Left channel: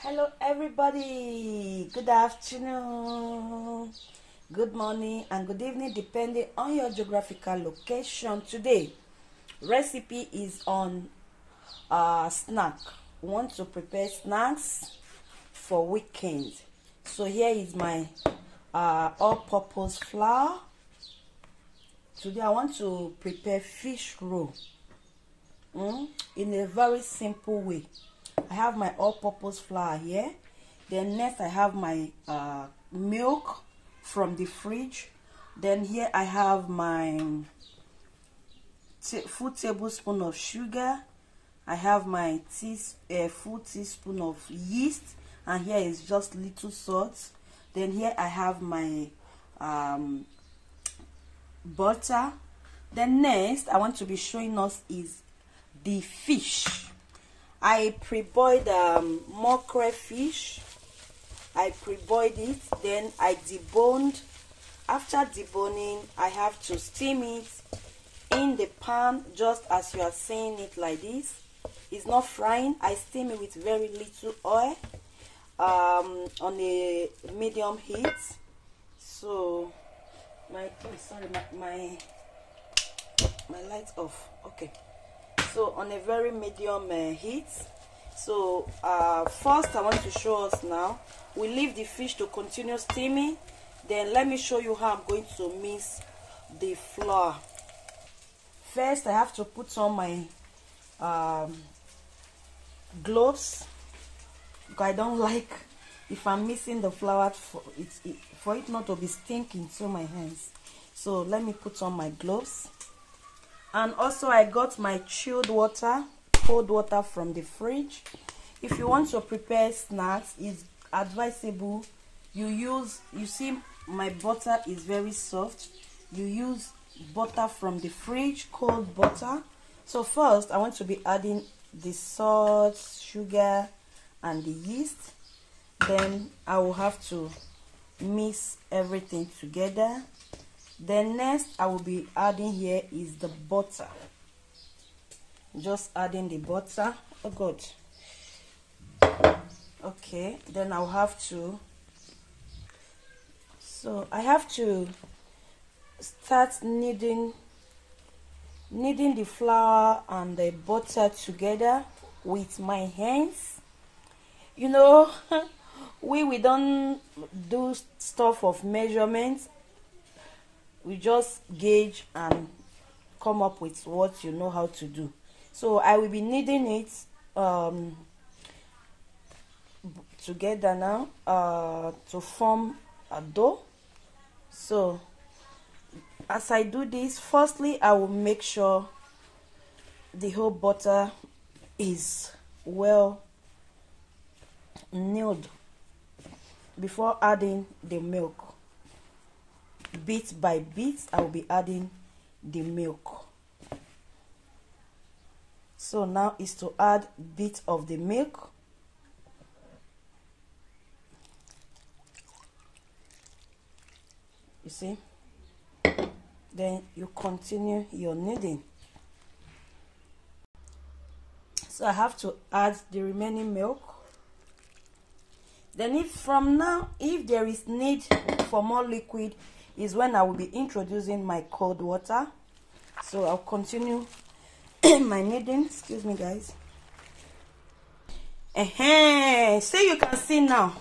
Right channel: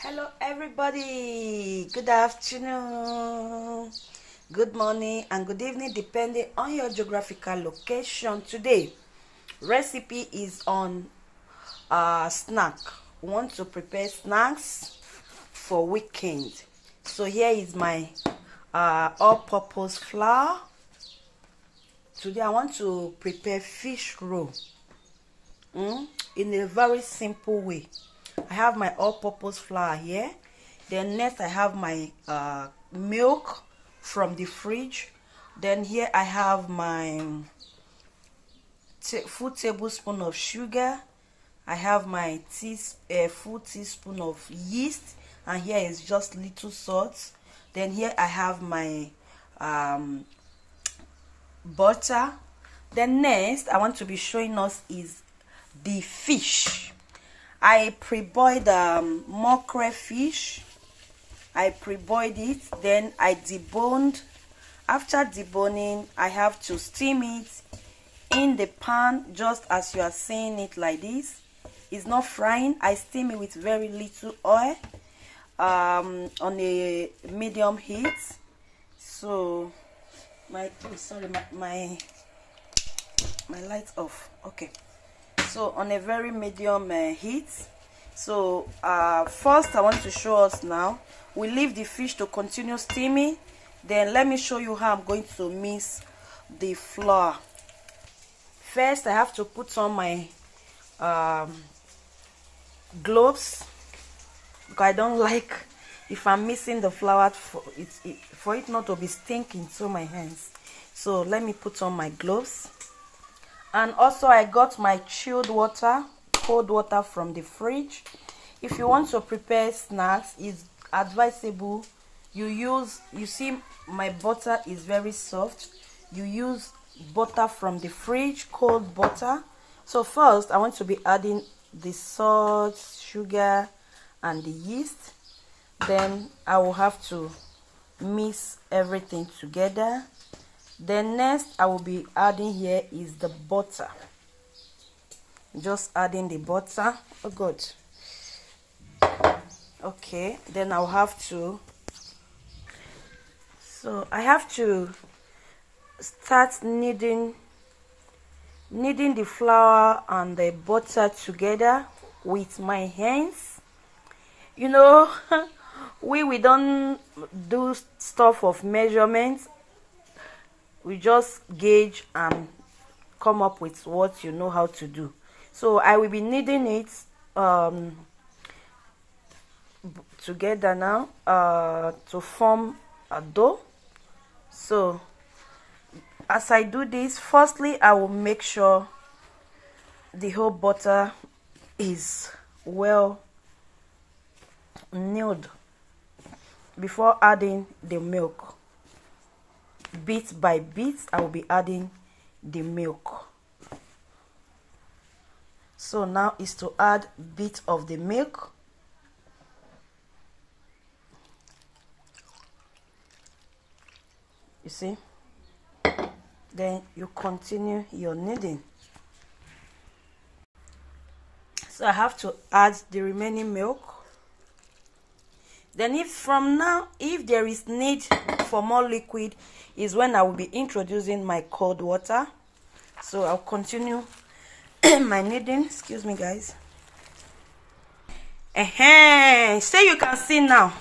Hello everybody, good afternoon, good morning and good evening depending on your geographical location. Today recipe is on snack. We want to prepare snacks for weekend. So here is my all-purpose flour. Today I want to prepare fish roll in a very simple way. I have my all-purpose flour here. Then next I have my milk from the fridge. Then here I have my full tablespoon of sugar. I have my full teaspoon of yeast, and here is just little salt. Then here I have my butter. Then next I want to be showing us is the fish. I pre-boiled mackerel fish. I pre-boiled it, then I deboned. After deboning, I have to steam it in the pan just as you are seeing it like this. It's not frying. I steam it with very little oil on a medium heat. So my light's off. Okay. So on a very medium heat. So first I want to show us now, we leave the fish to continue steaming. Then let me show you how I'm going to mix the flour. First I have to put on my gloves, because I don't like if I'm mixing the flour for it not to be stinking to my hands. So let me put on my gloves. And also I got my chilled water, cold water from the fridge. If you want to prepare snacks, it's advisable you see my butter is very soft. You use butter from the fridge, cold butter. So first I want to be adding the salt, sugar and the yeast. Then I will have to mix everything together. Then next I will be adding here is the butter. Just adding the butter. Oh god. Okay, then I'll have to, so I have to start kneading the flour and the butter together with my hands. You know, we don't do stuff of measurements. We just gauge and come up with what you know how to do. So I will be kneading it together now to form a dough. So as I do this, firstly I will make sure the whole butter is well kneaded before adding the milk. Bit by bit I will be adding the milk. So now is to add bit of the milk. You see, then you continue your kneading. So I have to add the remaining milk. Then if there is need for more liquid, is when I will be introducing my cold water. So I'll continue my kneading. Excuse me guys. So you can see now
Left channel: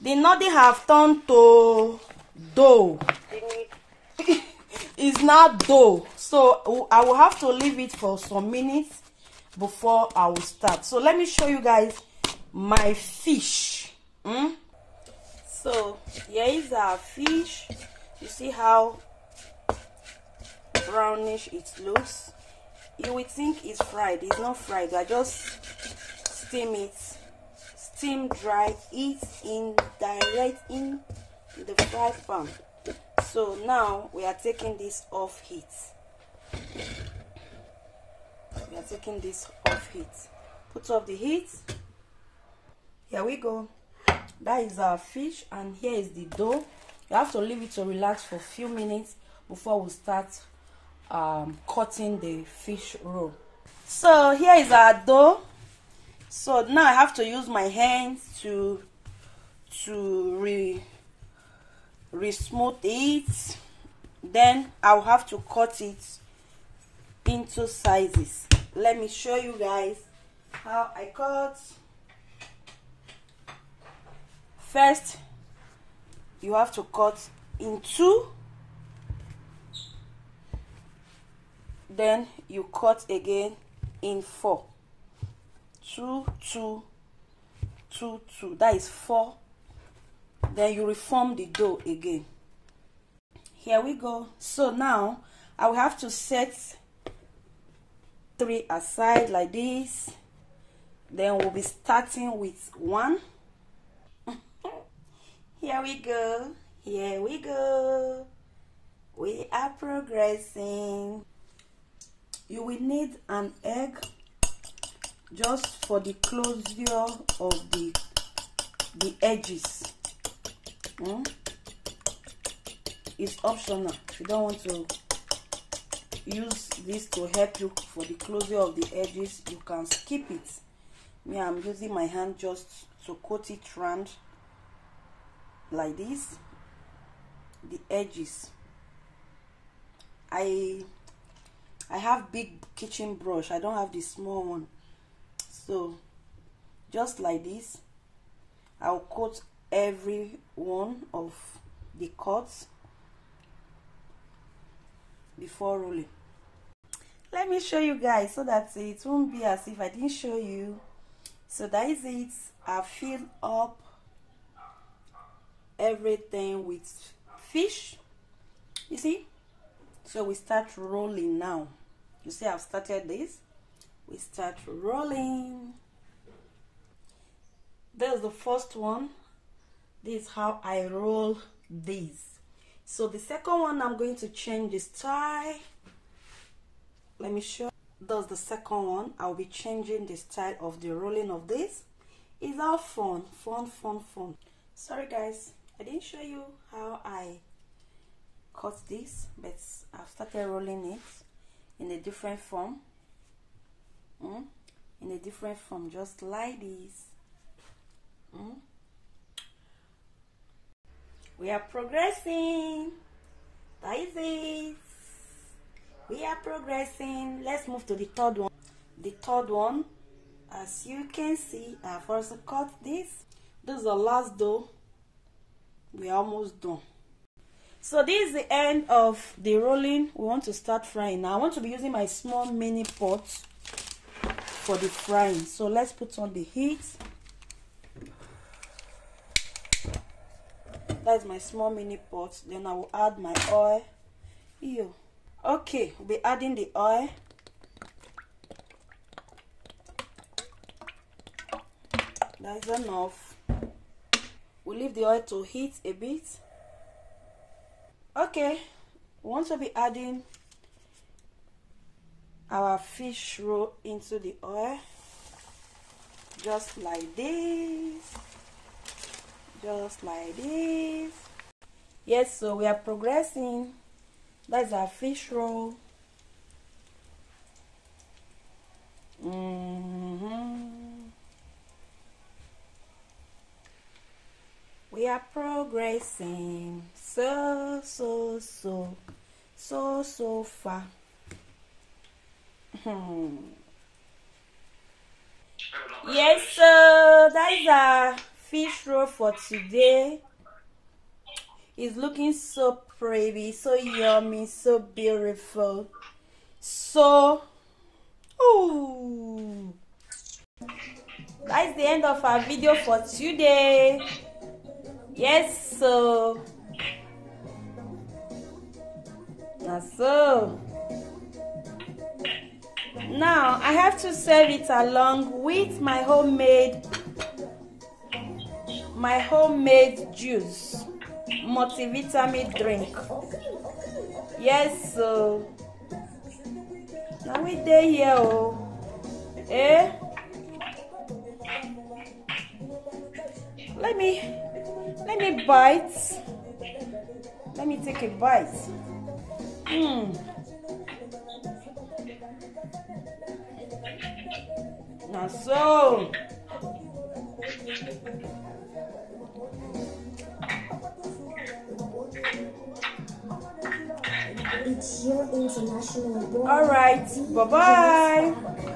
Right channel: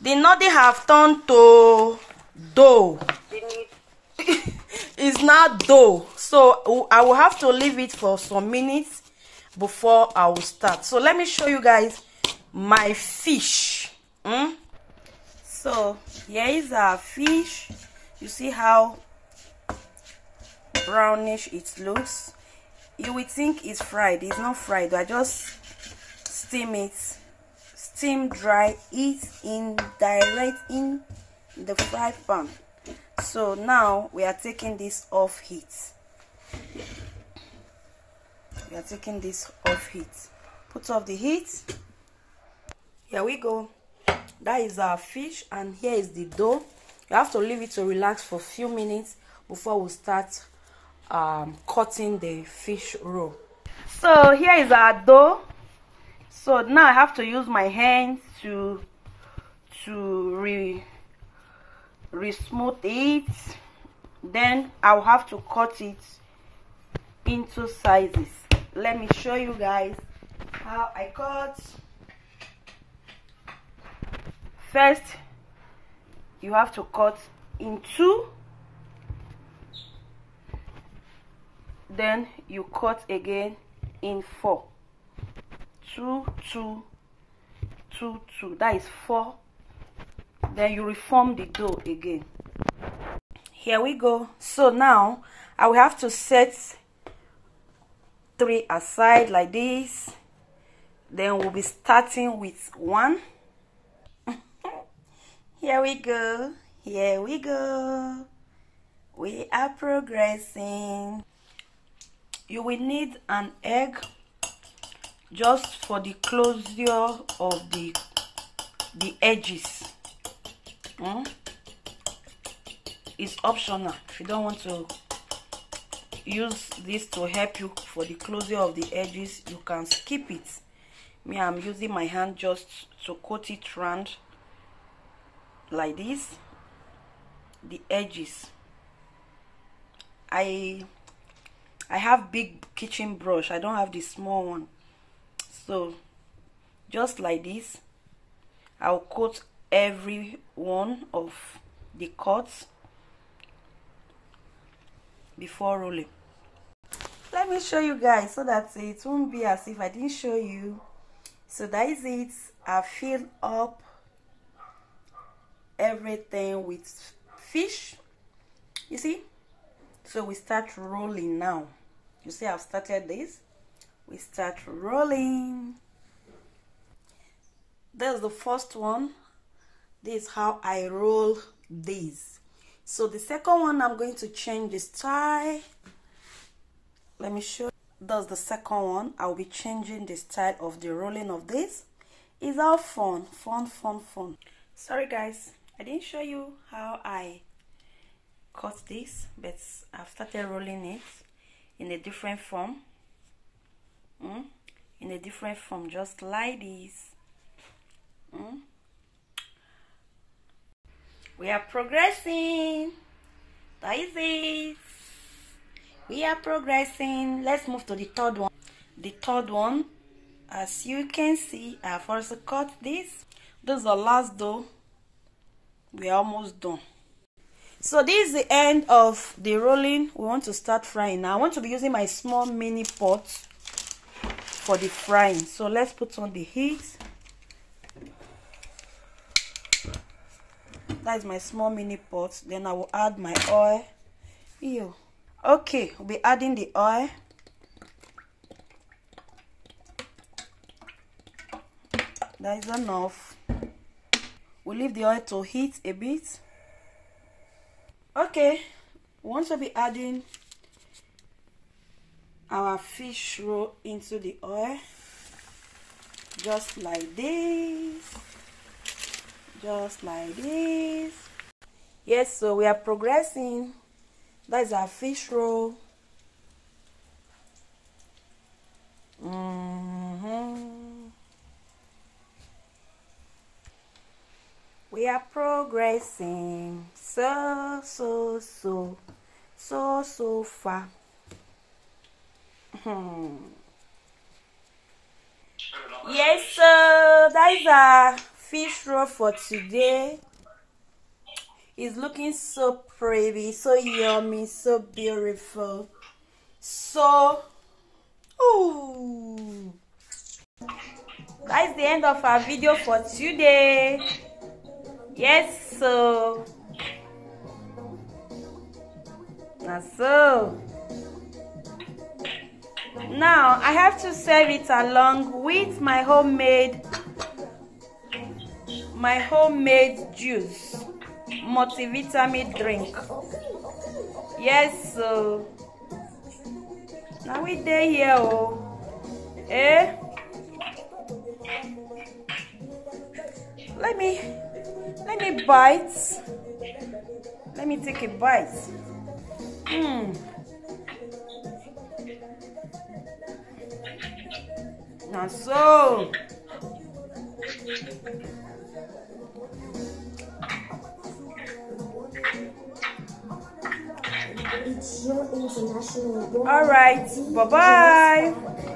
the noodle have turned to dough. It's not dough, so I will have to leave it for some minutes before I will start. So let me show you guys my fish. So here is our fish. You see how brownish it looks. You would think it's fried. It's not fried. I just steam dry it direct in the fry pan. So now we are taking this off heat. Put off the heat. Here we go. That is our fish, and here is the dough. You have to leave it to relax for a few minutes before we start cutting the fish roll. So here is our dough. So now I have to use my hands to re-smooth it. Then I'll have to cut it into sizes. Let me show you guys how I cut. First, you have to cut in 2, then you cut again in 4. 2 2 2 2, that is 4. Then you reform the dough again. Here we go. So now I will have to set 3 aside like this. Then we'll be starting with 1. Here we go. Here we go. We are progressing. You will need an egg just for the closure of the edges. It's optional. If you don't want to use this to help you for the closure of the edges, you can skip it. Me, I'm using my hand just to coat it round like this, the edges. I have big kitchen brush, I don't have the small one, so just like this I'll coat every one of the cuts before rolling. Let me show you guys so that it won't be as if I didn't show you. So that is it. I filled up everything with fish, you see. So we start rolling now. You see I've started this. We start rolling. There's the first one. This is how I roll this. So the second one, I'm going to change the style. Let me show you. That's the second one. I'll be changing the style of the rolling of this. It's all fun. Sorry guys, I didn't show you how I cut this, but I've started rolling it in a different form. In a different form, just like this. We are progressing. That is it. We are progressing. Let's move to the third one. The third one, as you can see, I've also cut this. This is the last dough. We are almost done. So this is the end of the rolling. We want to start frying now. I want to be using my small mini pot for the frying. So let's put on the heat. That's my small mini pot. Then I will add my oil. Ew. Okay, we'll be adding the oil. That is enough. We'll leave the oil to heat a bit. Okay, we want to be adding our fish roll into the oil. Just like this. Just like this. Yes, so we are progressing. That's our fish roll. We are progressing so far. Yes, so that is our fish roll for today. It's looking so pretty, so yummy, so beautiful. So, ooh. That's the end of our video for today. Yes, so now I have to serve it along with my homemade juice, multivitamin drink. Yes, so now we dey here, let me bite. Let me take a bite. Now so. It's your international. All right. Bye bye.